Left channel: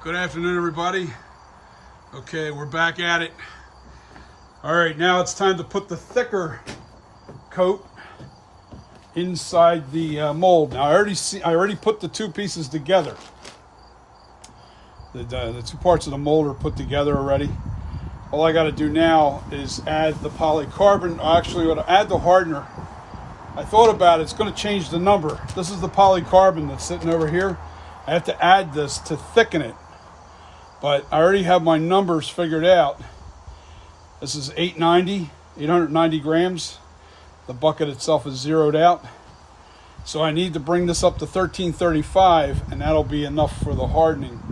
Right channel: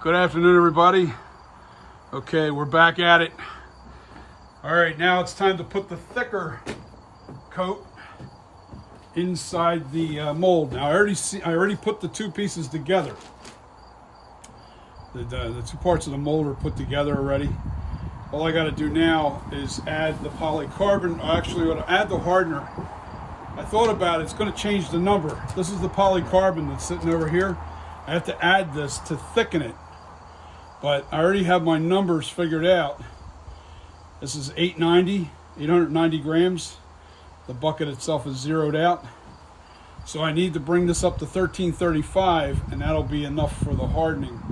Good afternoon, everybody. Okay, we're back at it. All right, now it's time to put the thicker coat inside the mold. Now I already put the two pieces together. The two parts of the mold are put together already. All I got to do now is add the polycarbonate. Actually, I'm going to add the hardener. I thought about it. It's going to change the number. This is the polycarbonate that's sitting over here. I have to add this to thicken it. But I already have my numbers figured out. This is 890 grams. The bucket itself is zeroed out. So I need to bring this up to 1335, and that'll be enough for the hardening.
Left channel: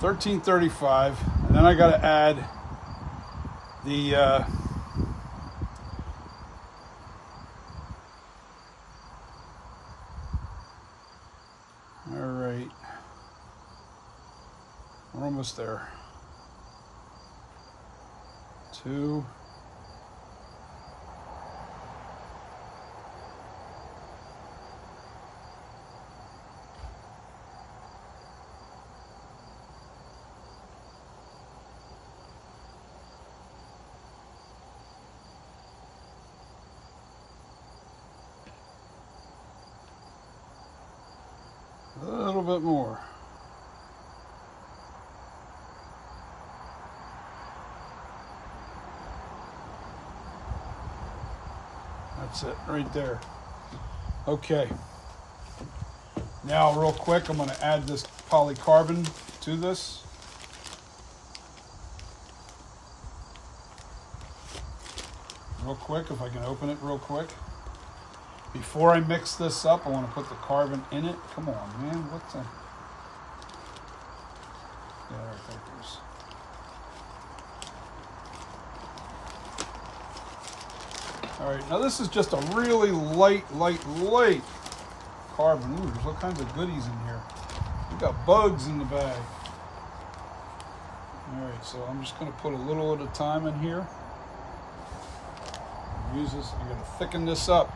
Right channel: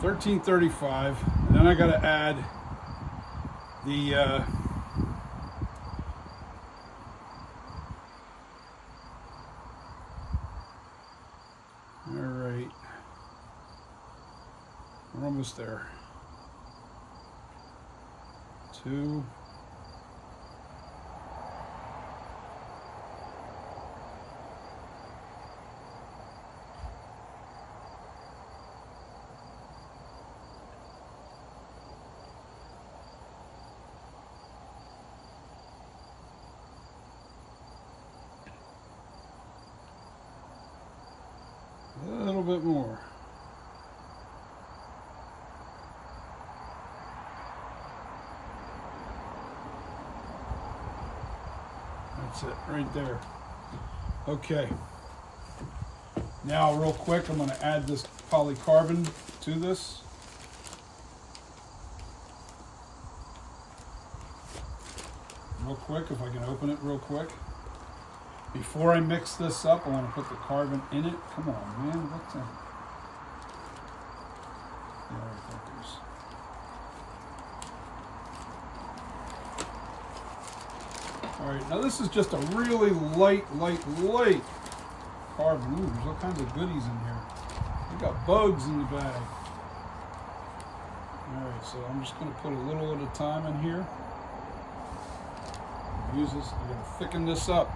1335, and then I got to add the all right, we're almost there. 2. A little bit more. That's it right there. Okay. Now real quick, I'm going to add this polycarbonate to this. Real quick, if I can open it real quick. Before I mix this up, I want to put the carbon in it. Come on, man. What the? Yeah, right, focus. All right, now this is just a really light carbon. Ooh, there's all kinds of goodies in here. We got bugs in the bag. All right, so I'm just going to put a little at a time in here. Use this. I'm going to thicken this up.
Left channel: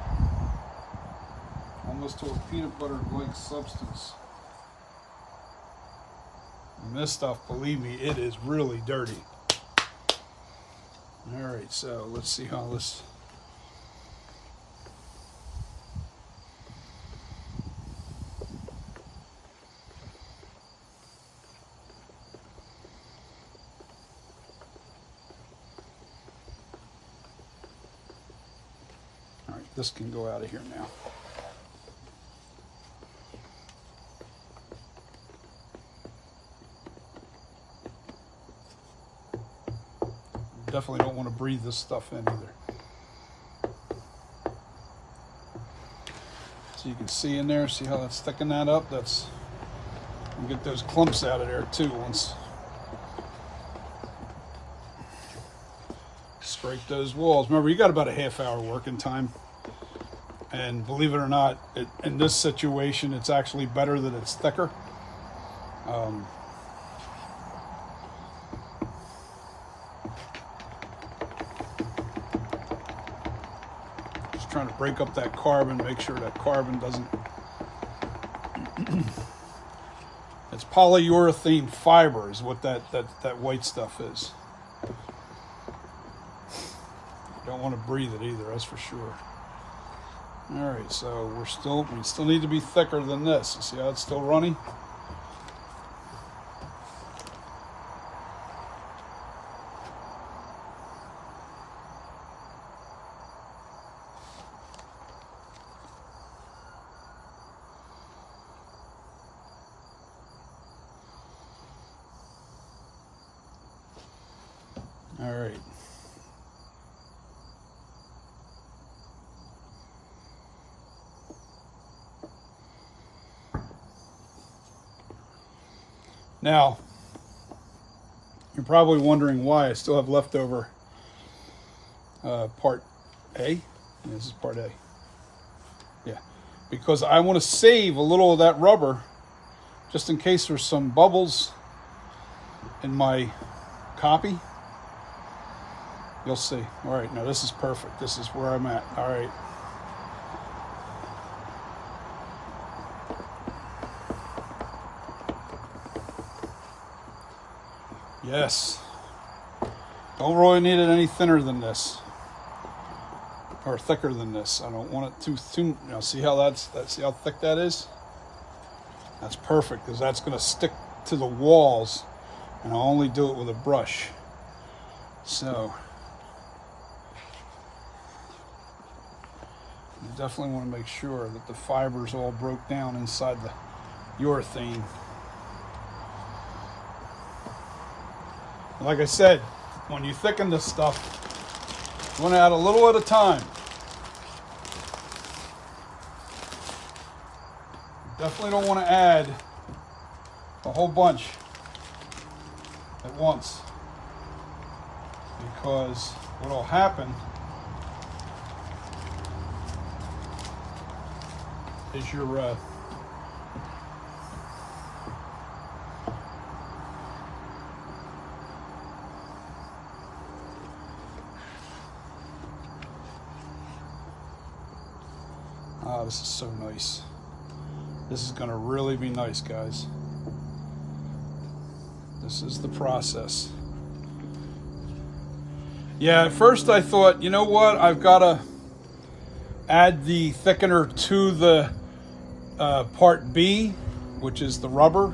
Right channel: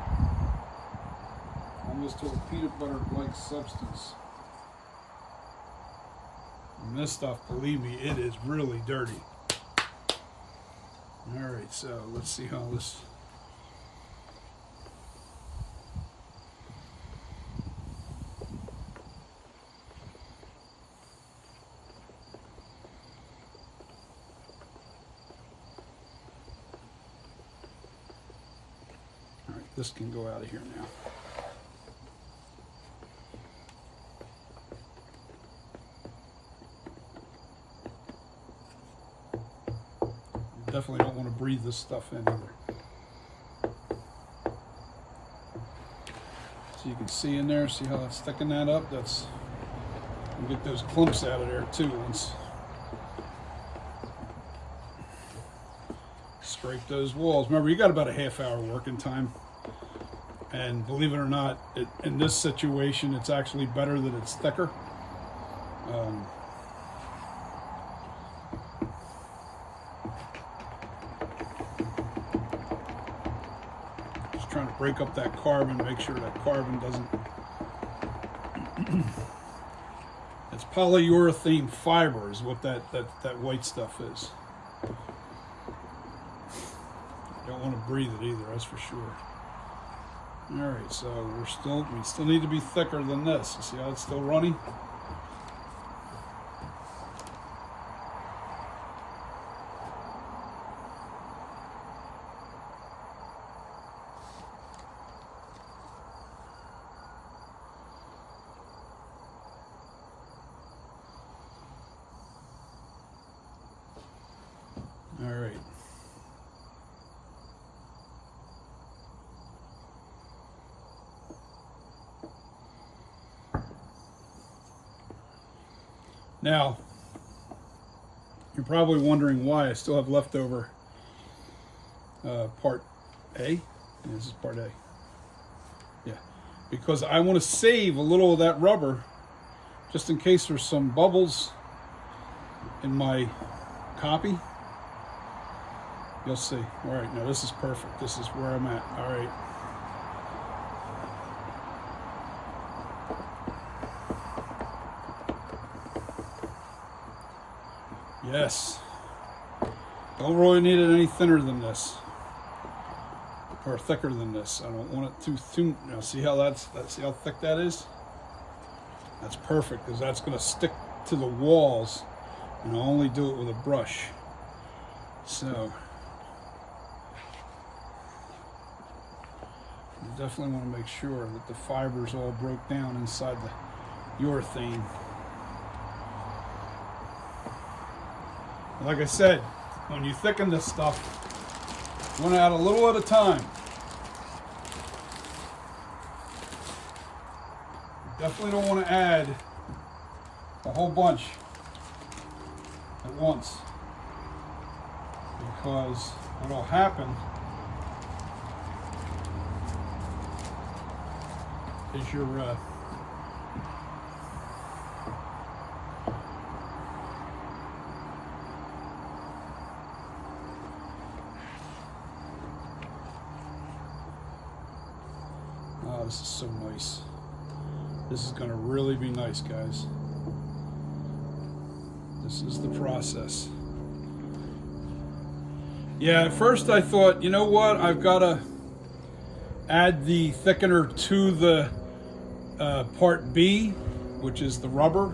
Almost to a peanut butter-like substance. And this stuff, believe me, it is really dirty. All right, so let's see how this. All right, this can go out of here now. Definitely don't want to breathe this stuff in either. So you can see in there, see how that's thickening that up? That's, you get those clumps out of there too once. Scrape those walls. Remember, you got about a half-hour working time. And believe it or not, in this situation, it's actually better that it's thicker. Trying to break up that carbon, make sure that carbon doesn't. It's polyurethane fiber is what that white stuff is. You don't want to breathe it either, that's for sure. All right, so we still need to be thicker than this. You see how it's still runny? All right. Now, you're probably wondering why I still have leftover part A. Yeah, this is part A. Yeah, because I want to save a little of that rubber just in case there's some bubbles in my copy. You'll see. All right, now this is perfect. This is where I'm at. All right. Yes. Don't really need it any thinner than this, or thicker than this. I don't want it too thin. You know, see how see how thick that is? That's perfect, because that's going to stick to the walls, and I'll only do it with a brush. So you definitely want to make sure that the fibers all broke down inside the urethane. And like I said, when you thicken this stuff, you want to add a little at a time. You definitely don't want to add a whole bunch at once, because what will happen is your oh, this is so nice. This is going to really be nice, guys. This is the process. Yeah, at first I thought, you know what, I've got to add the thickener to the part B, which is the rubber,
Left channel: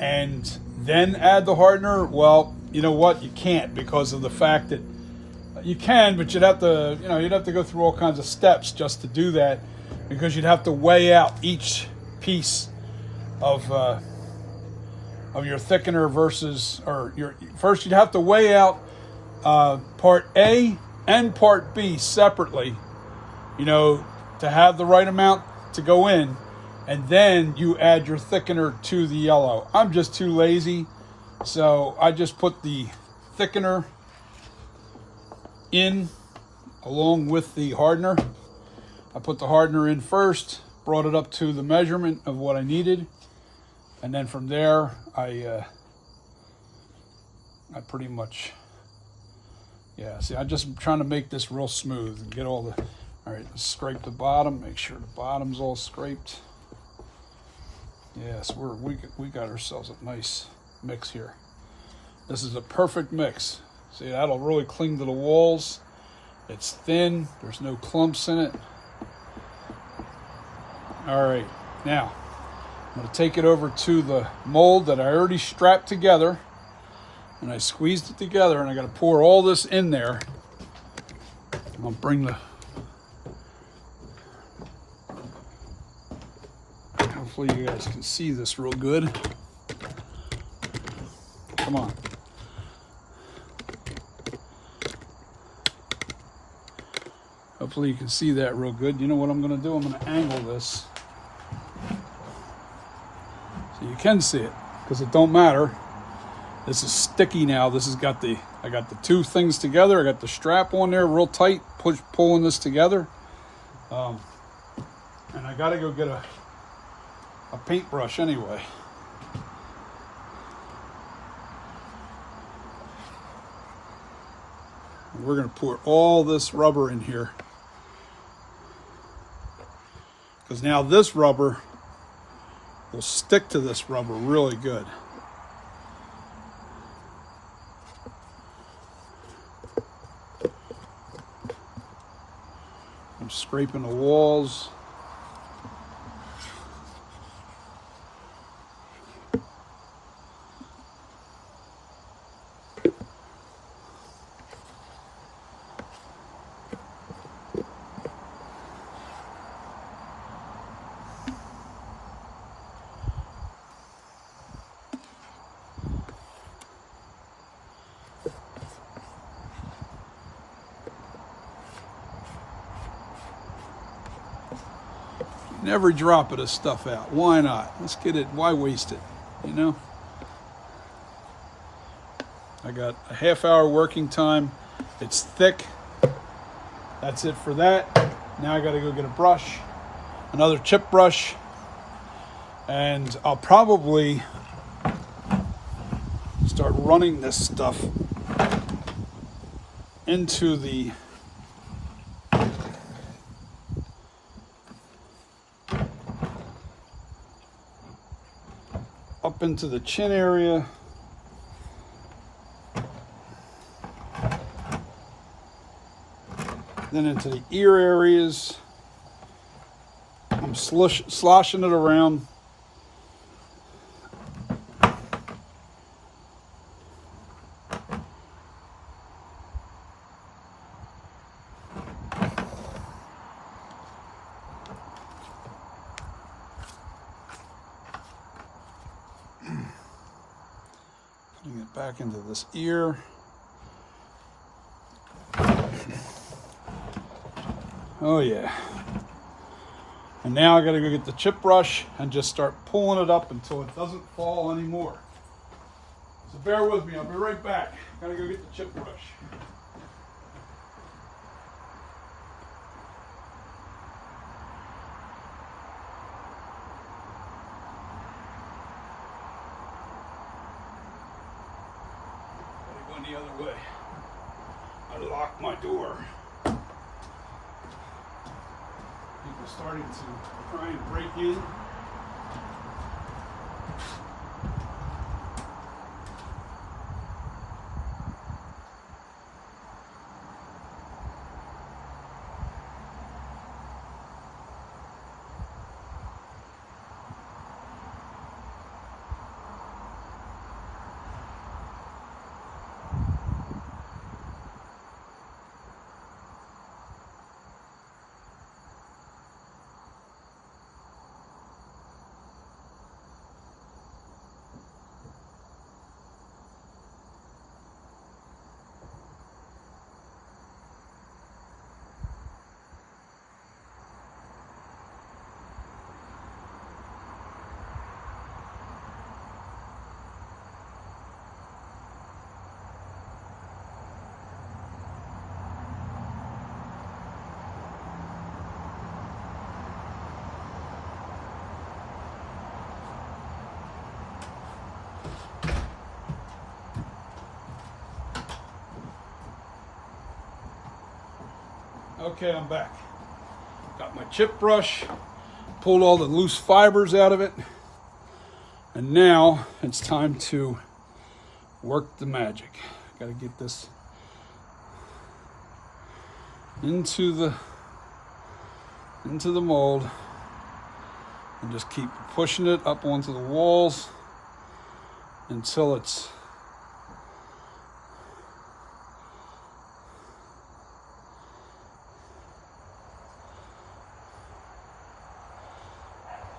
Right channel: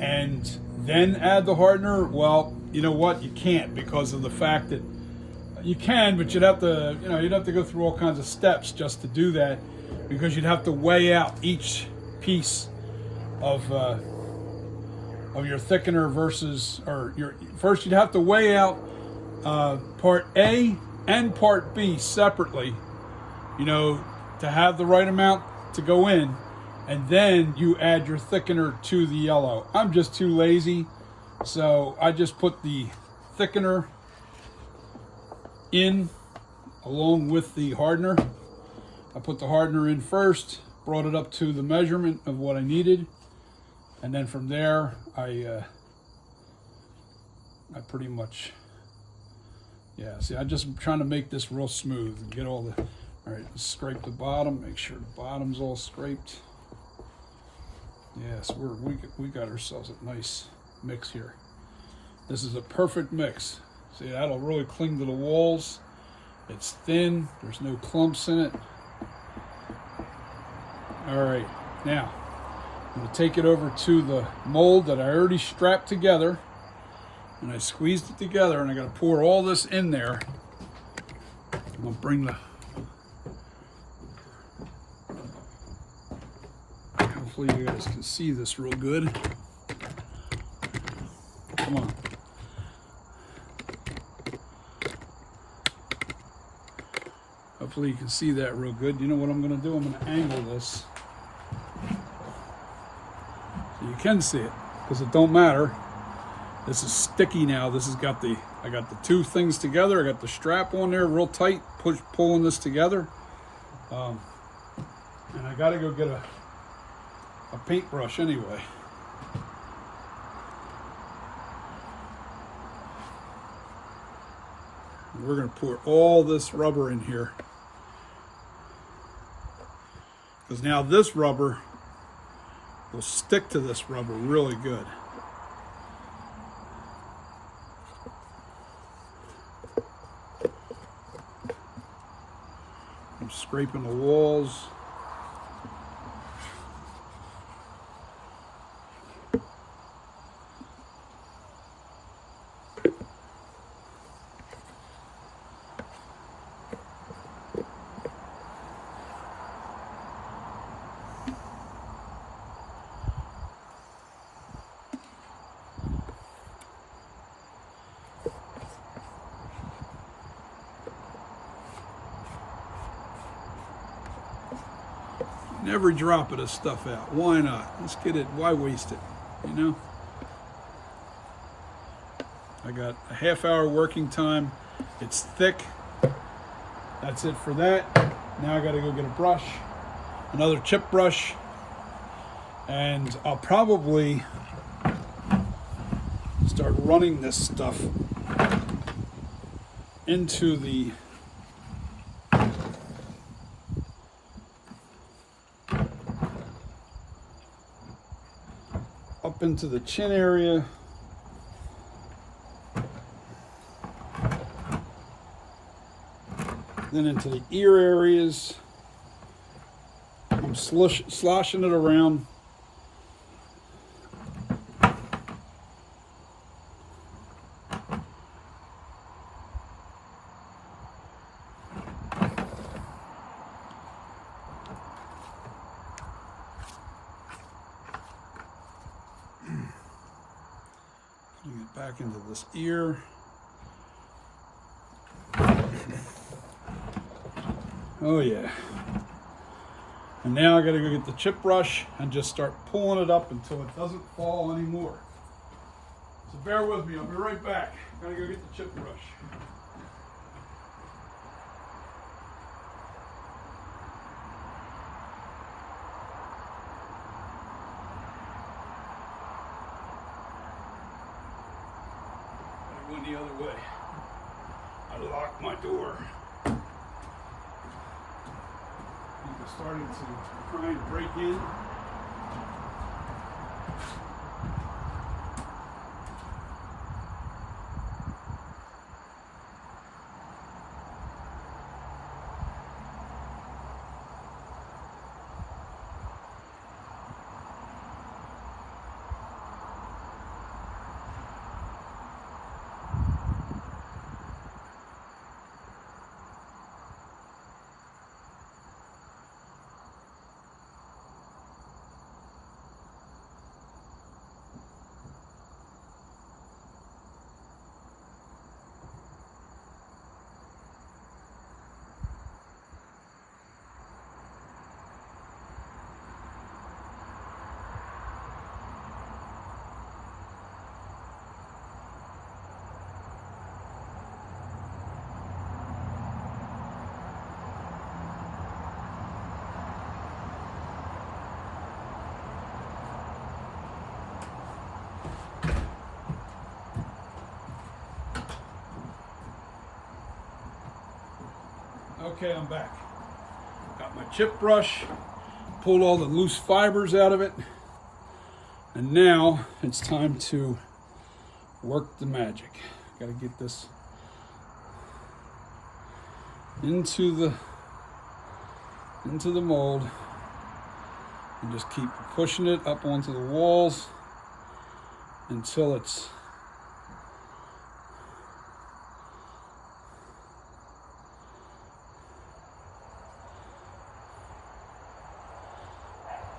and then add the hardener. Well, you know what, you can't, because of the fact that you can, but you'd have to, you'd have to go through all kinds of steps just to do that, because you'd have to weigh out each piece of your thickener versus, first you'd have to weigh out part A and part B separately, to have the right amount to go in, and then you add your thickener to the yellow. I'm just too lazy, so I just put the thickener in along with the hardener. I put the hardener in first, brought it up to the measurement of what I needed, and then from there I pretty much, see, I'm just trying to make this real smooth and get all the, all right, let's scrape the bottom, make sure the bottom's all scraped. Yes, we got ourselves a nice mix here. This is a perfect mix. See, that'll really cling to the walls. It's thin, there's no clumps in it. All right, now I'm going to take it over to the mold that I already strapped together, and I squeezed it together, and I got to pour all this in there. I'm going to bring the, hopefully you guys can see this real good. Come on. Hopefully you can see that real good. You know what I'm going to do? I'm going to angle this so you can see it, because it don't matter. This is sticky now. This has got the, I got the two things together. I got the strap on there real tight, pulling this together. And I got to go get a paintbrush anyway. We're going to pour all this rubber in here, because now this rubber will stick to this rubber really good. I'm scraping the walls. Every drop of this stuff out. Why not? Let's get it. Why waste it? I got a half-hour working time. It's thick. That's it for that. Now I got to go get a brush, another chip brush, and I'll probably start running this stuff into the up into the chin area. Then into the ear areas. I'm sloshing it around. Putting it back into this ear. Oh yeah. And now I gotta go get the chip brush and just start pulling it up until it doesn't fall anymore. So bear with me, I'll be right back. Gotta go get the chip brush. Gotta go the other way. I locked my door. People started to try and break in. Okay, I'm back. Got my chip brush, pulled all the loose fibers out of it, and now it's time to work the magic. Got to get this into the mold and just keep pushing it up onto the walls until it's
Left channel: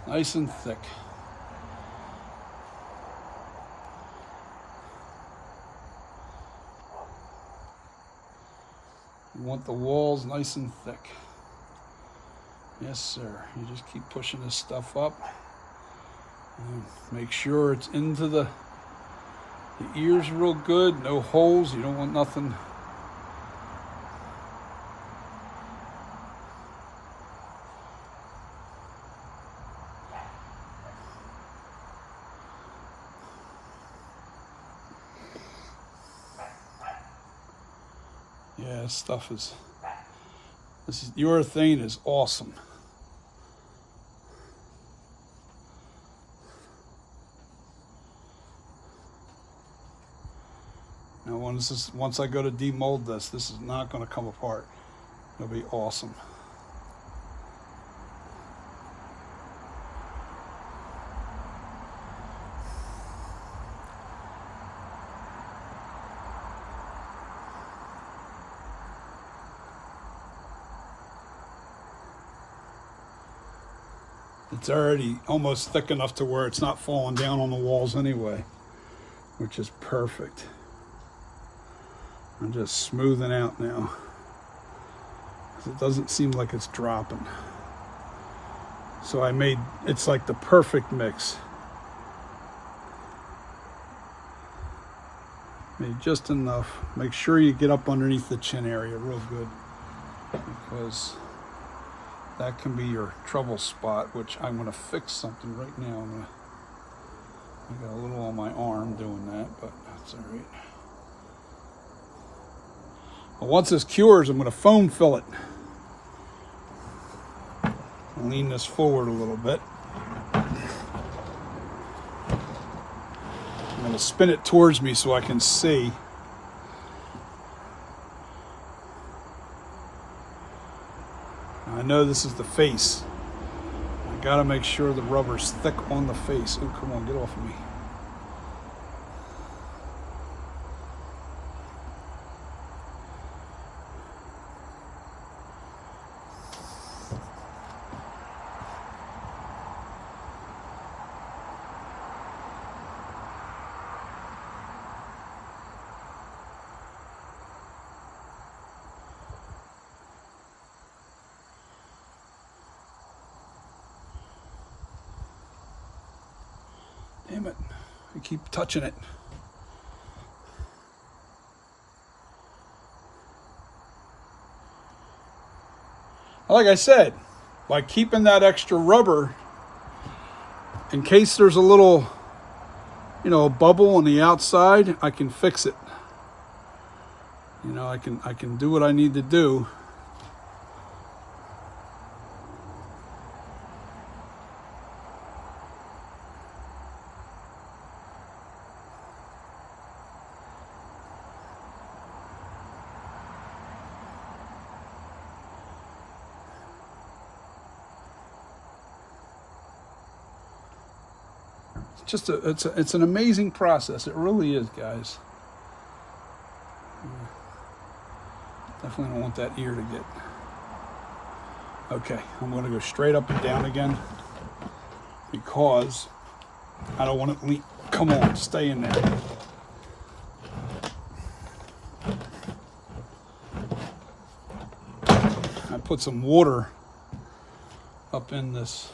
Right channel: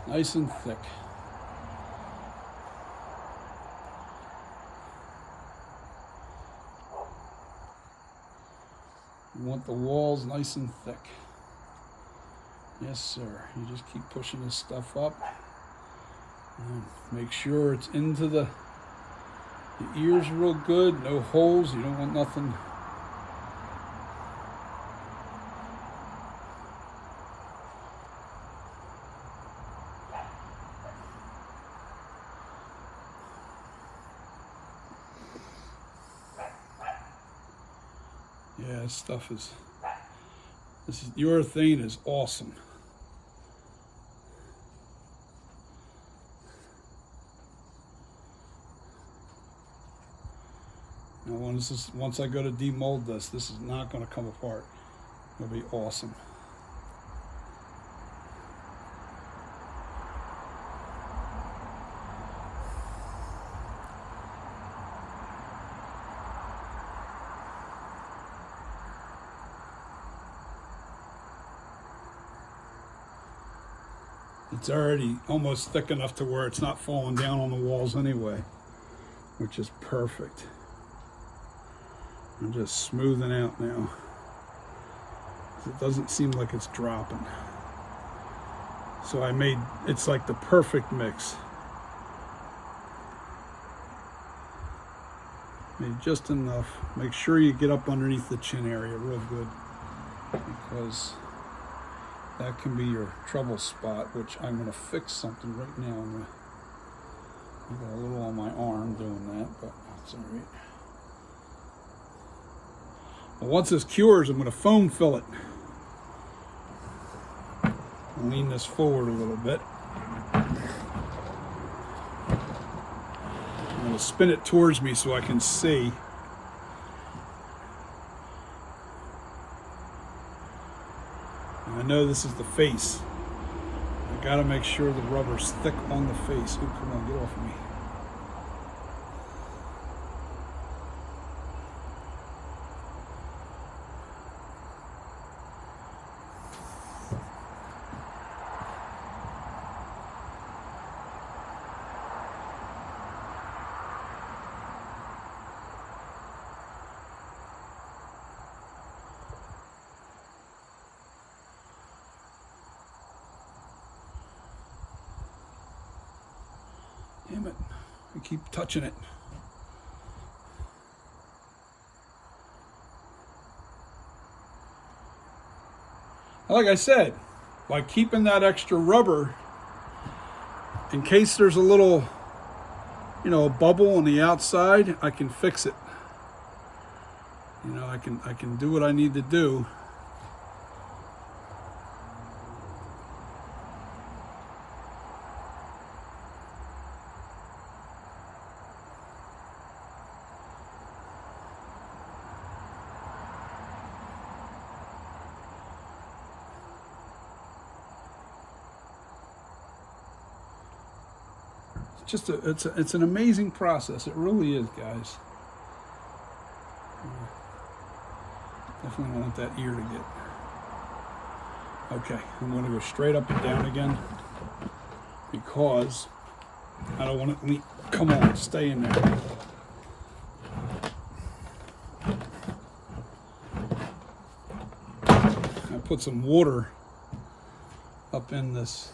nice and thick. You want the walls nice and thick. Yes, sir. You just keep pushing this stuff up. And make sure it's into the ears real good. No holes. You don't want nothing. Yeah, this stuff is, urethane is awesome. Now once I go to demold this is not going to come apart. It'll be awesome. It's already almost thick enough to where it's not falling down on the walls anyway, which is perfect. I'm just smoothing out now. It doesn't seem like it's dropping. So it's like the perfect mix. Made just enough. Make sure you get up underneath the chin area real good, because that can be your trouble spot, which I'm going to fix something right now. I got a little on my arm doing that, but that's all right. But once this cures, I'm going to foam fill it. I'll lean this forward a little bit. to spin it towards me so I can see. I know this is the face. I gotta make sure the rubber's thick on the face. Oh, come on, get off of me. Damn it, I keep touching it. Like I said, by keeping that extra rubber, in case there's a little, you know, a bubble on the outside, I can fix it. You know, I can do what I need to do. Just it's an amazing process. It really is, guys. Definitely don't want that ear to get. Okay, I'm going to go straight up and down again because I don't want it to leak. Come on, stay in there. I put some water up in this.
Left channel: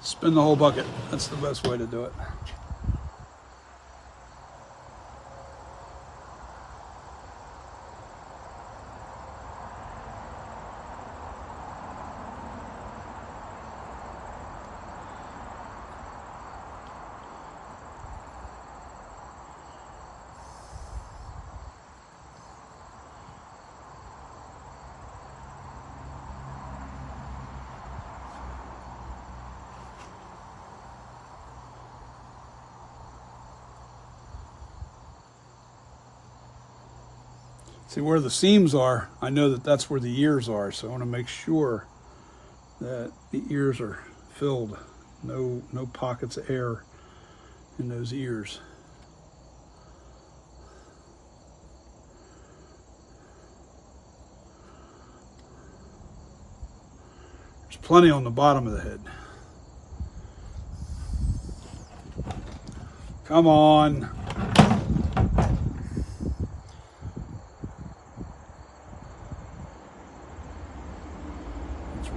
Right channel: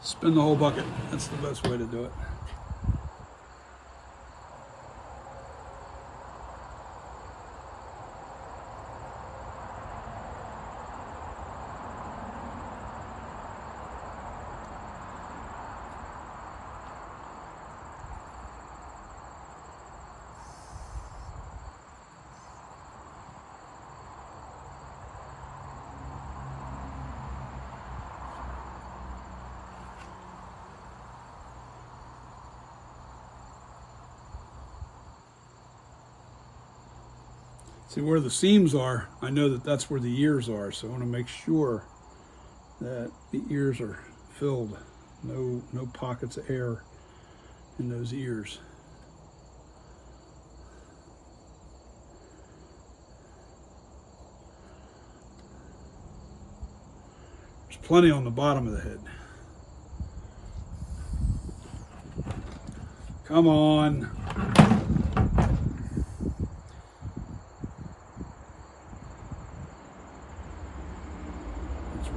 Spin the whole bucket. That's the best way to do it. See where the seams are, I know that that's where the ears are, so I want to make sure that the ears are filled. No pockets of air in those ears. There's plenty on the bottom of the head. Come on.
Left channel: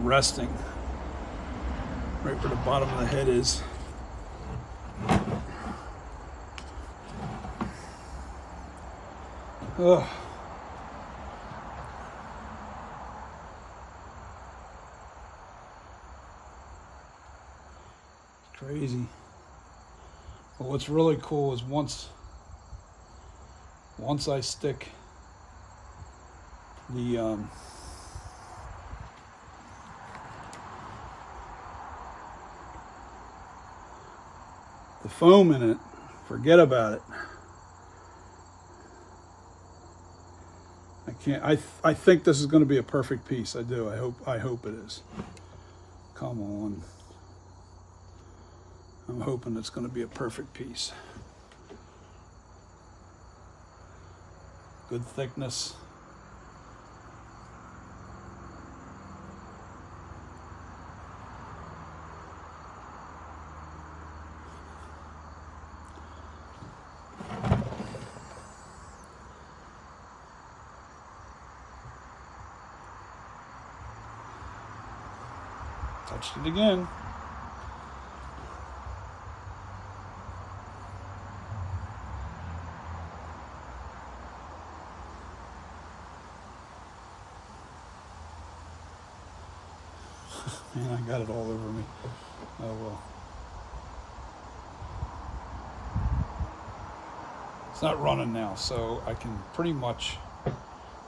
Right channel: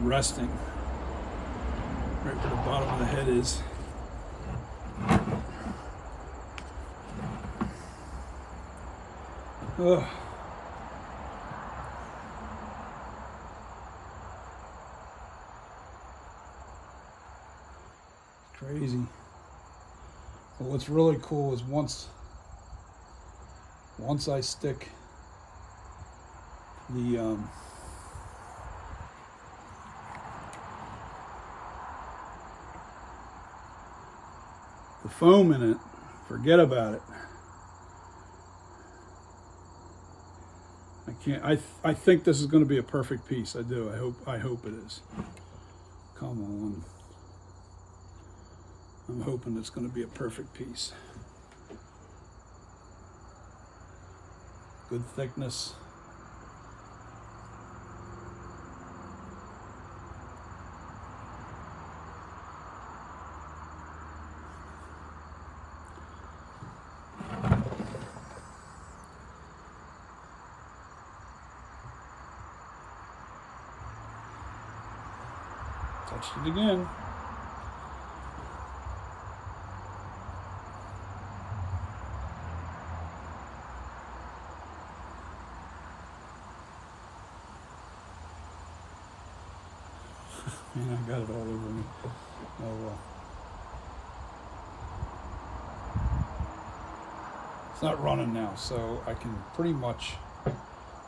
Resting right where the bottom of the head is. Oh. Crazy. But what's really cool is once I stick the foam in it, forget about it. I think this is going to be a perfect piece. I do. I hope it is. Come on. I'm hoping it's going to be a perfect piece. Good thickness. Touched it again. Man, I got it all over me. Oh well. It's not running now, so I can pretty much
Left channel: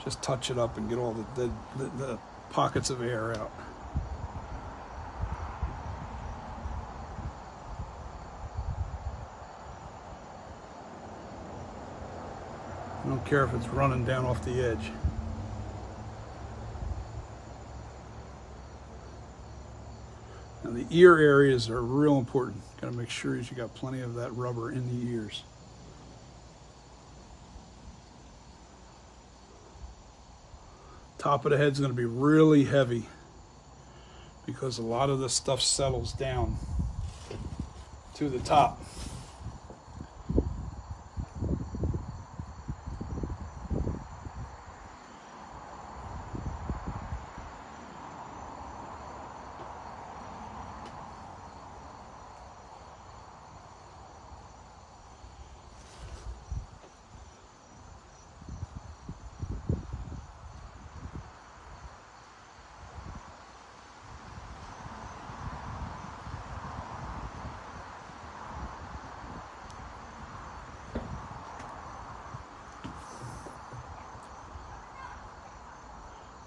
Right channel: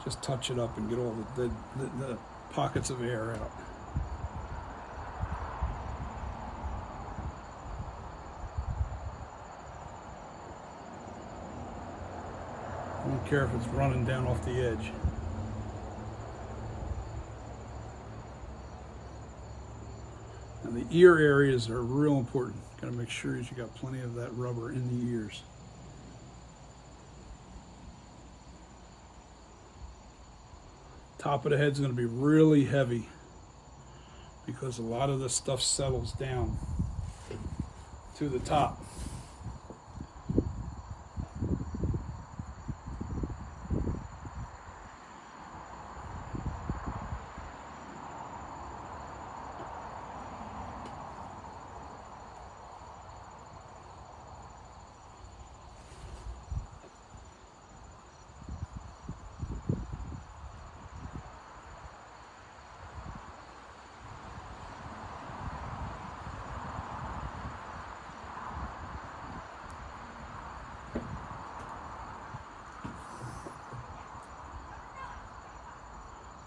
just touch it up and get all the pockets of air out. I don't care if it's running down off the edge. Now the ear areas are real important. Got to make sure that you got plenty of that rubber in the ears. Top of the head's going to be really heavy because a lot of the stuff settles down to the top.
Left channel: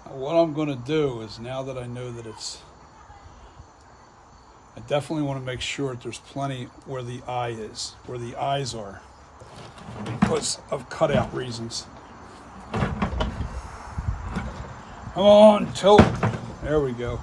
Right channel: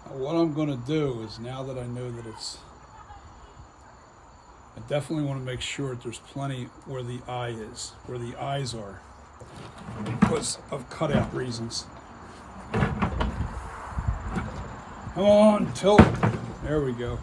What I'm going to do is, now that I know that I definitely want to make sure that there's plenty where the eye is, where the eyes are, because of cutout reasons. Come on, tilt. There we go.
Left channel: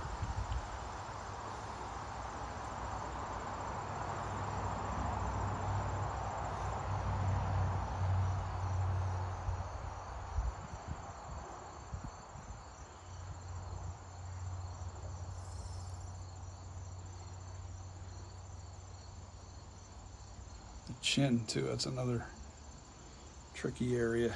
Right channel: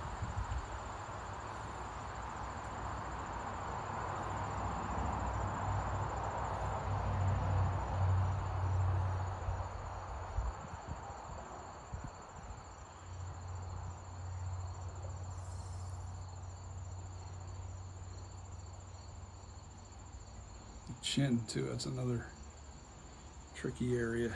Chin too, that's another tricky area.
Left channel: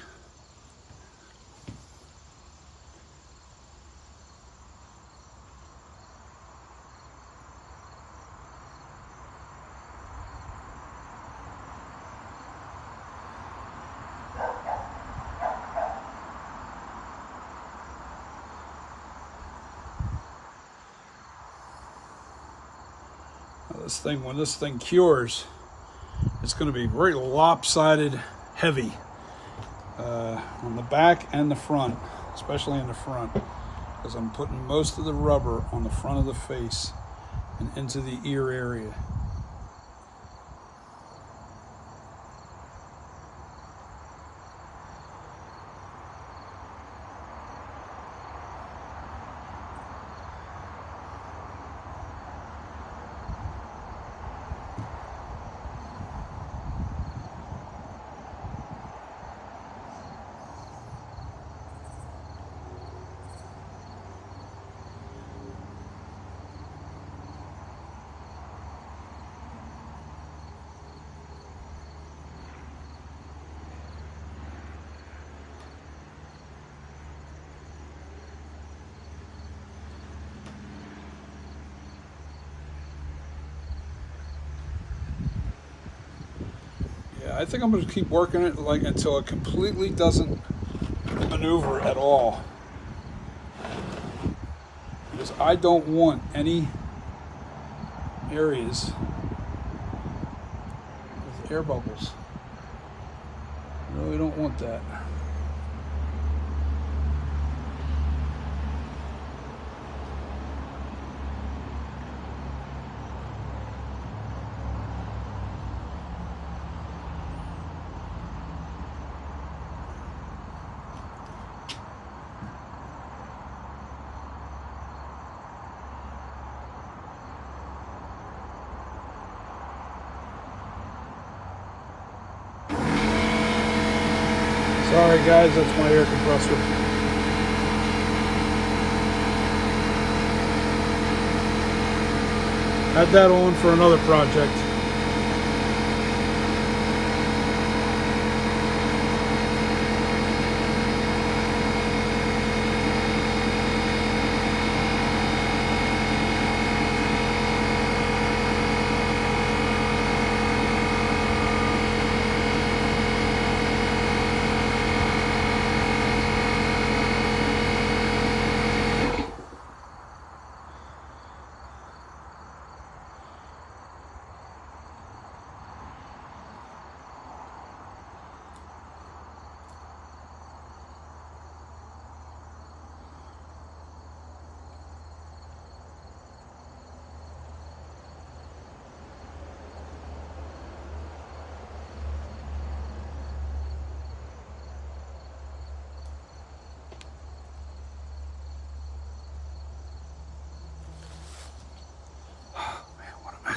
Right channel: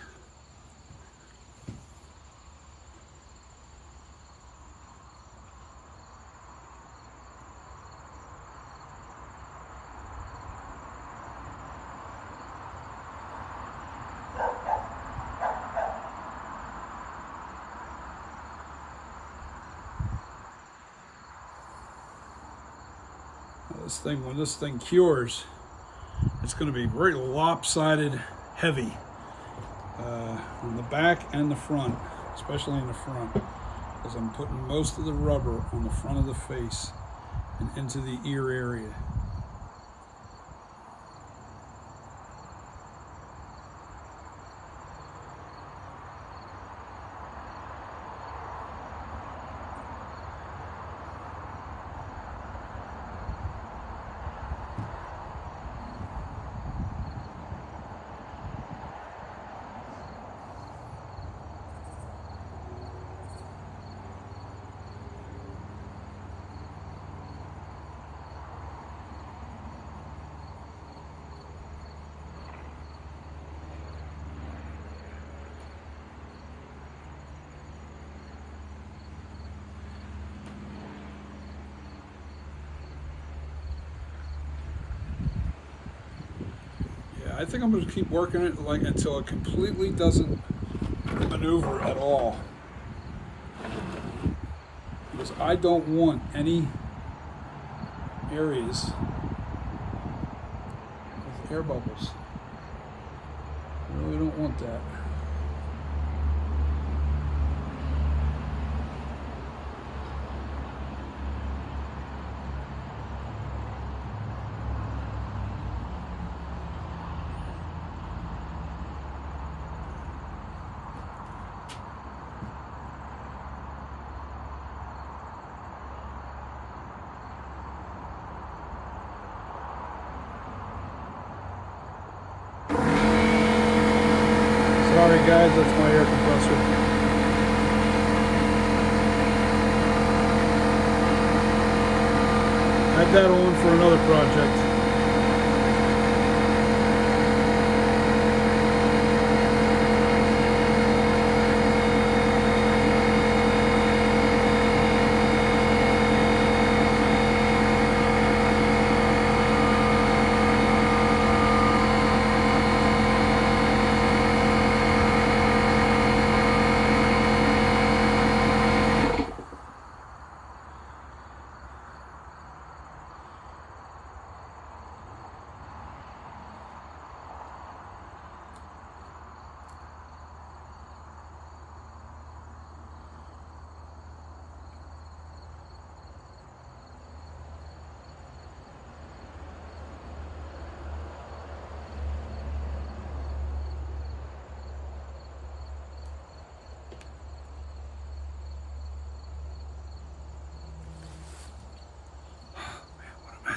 Now this thing, when this thing cures, it's going to be very lopsided, heavy on the back and the front, especially in the front, because I'm putting most of the rubber on the front of the face and into the ear area. I think I'm going to keep working it until it completely doesn't maneuver at all, because I don't want any areas with air bubbles. I really don't want that. Sorry guys, that's my air compressor. Had that on for another project.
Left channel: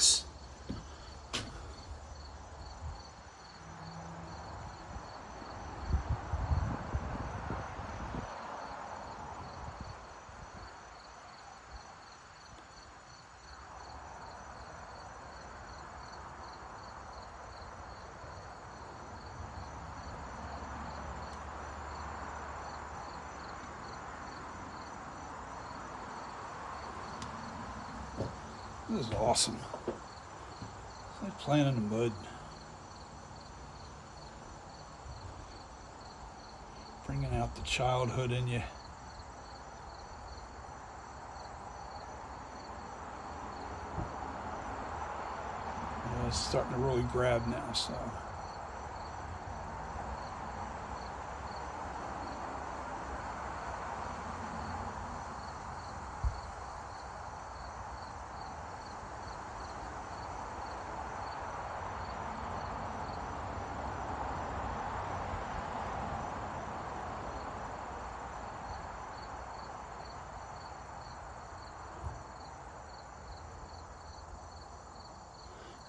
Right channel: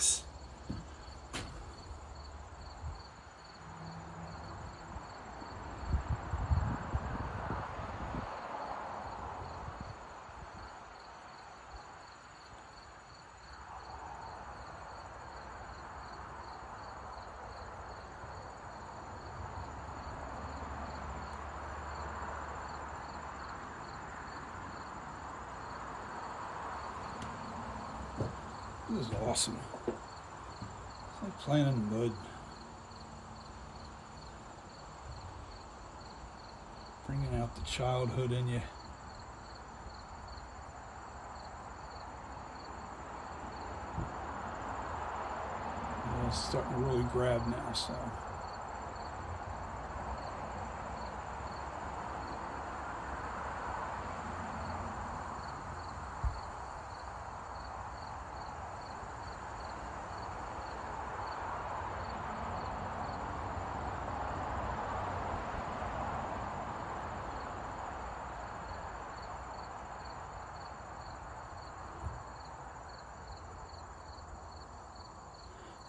Yes. This is awesome. It's like playing in the mud. Bringing out the childhood in you. Yeah, it's starting to really grab now, so.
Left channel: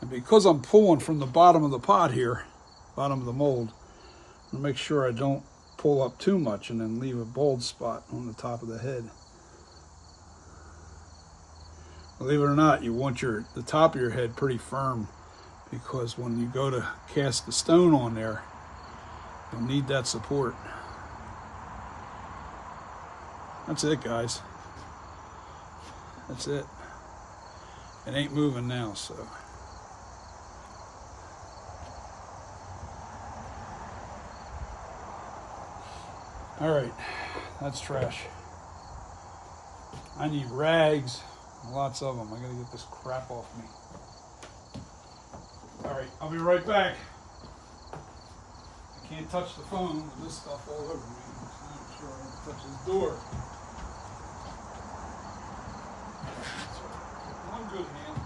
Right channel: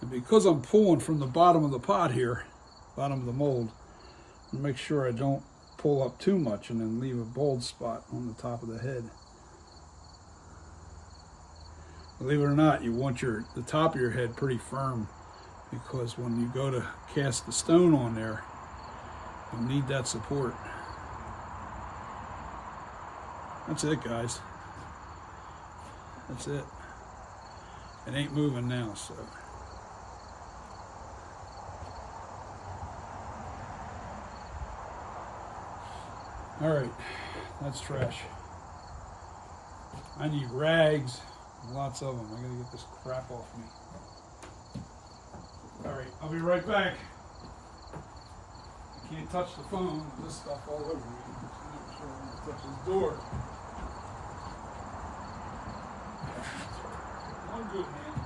And because I'm pulling from the bottom of the pot here, bottom of the mold, to make sure I don't pull up too much and then leave a bald spot on the top of the head. Believe it or not, you want the top of your head pretty firm, because when you go to cast the stone on there, you'll need that support. That's it, guys. That's it. It ain't moving now, so. All right, that's trash. I need rags, lots of them. I gotta get this crap off me. All right, I'll be right back. I can't touch the phone with this stuff all over me. I'm not sure I'm gonna touch this door. One good, man.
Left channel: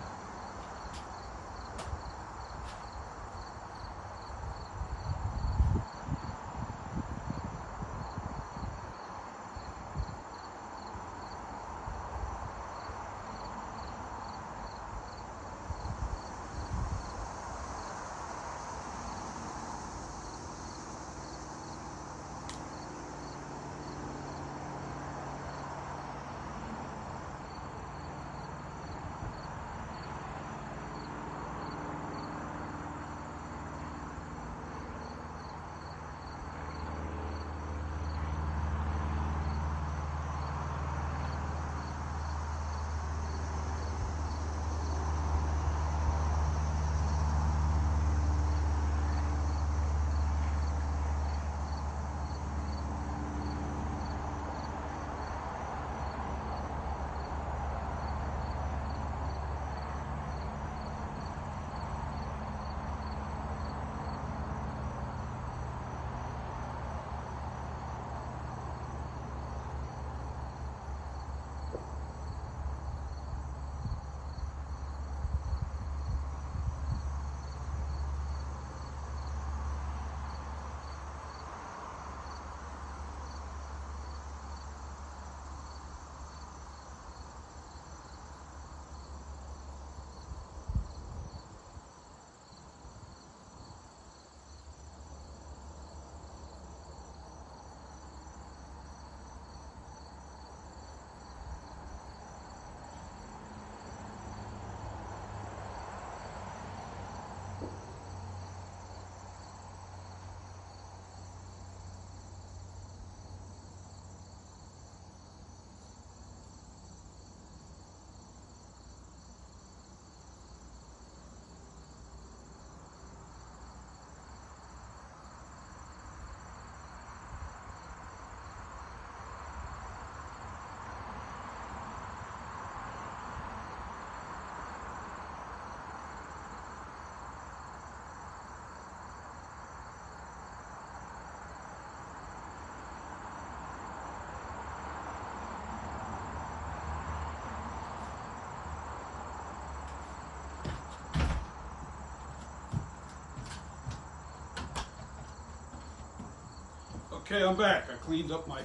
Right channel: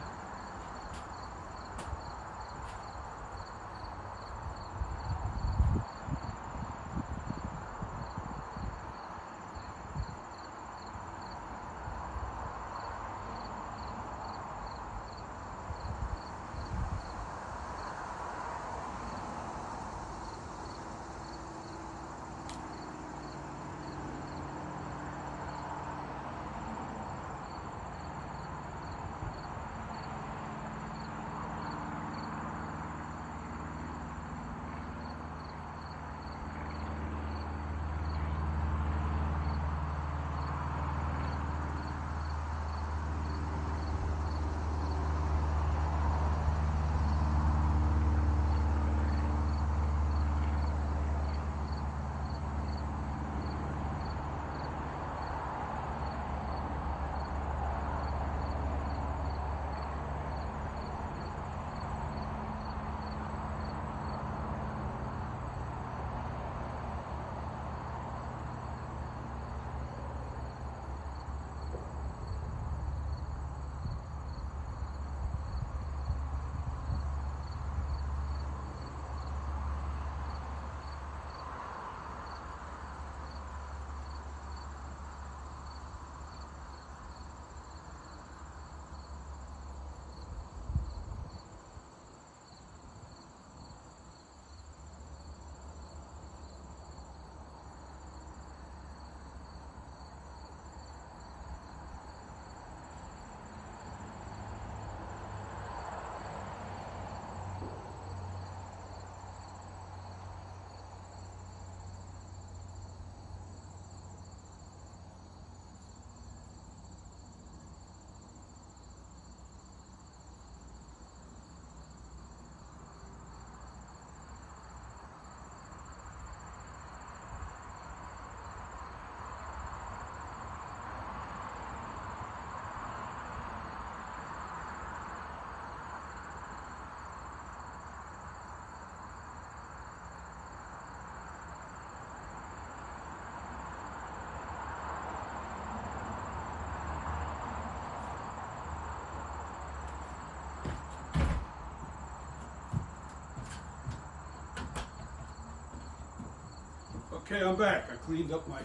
Okay, I'm back. I cleaned up my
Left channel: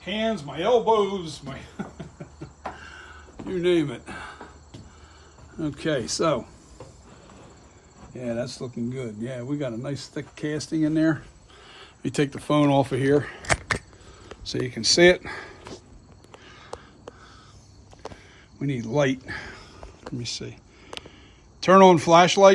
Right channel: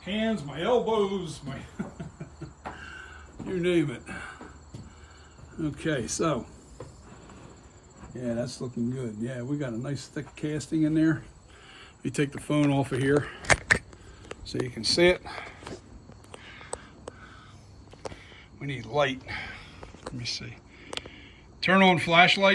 hands, my elbows, my you name it. Okay, so yeah, that's looking good. Yeah, we got a nice thick casting in there. Let me take the phone off of here so you can see it. We need light. Let me see. Turn on flashlight.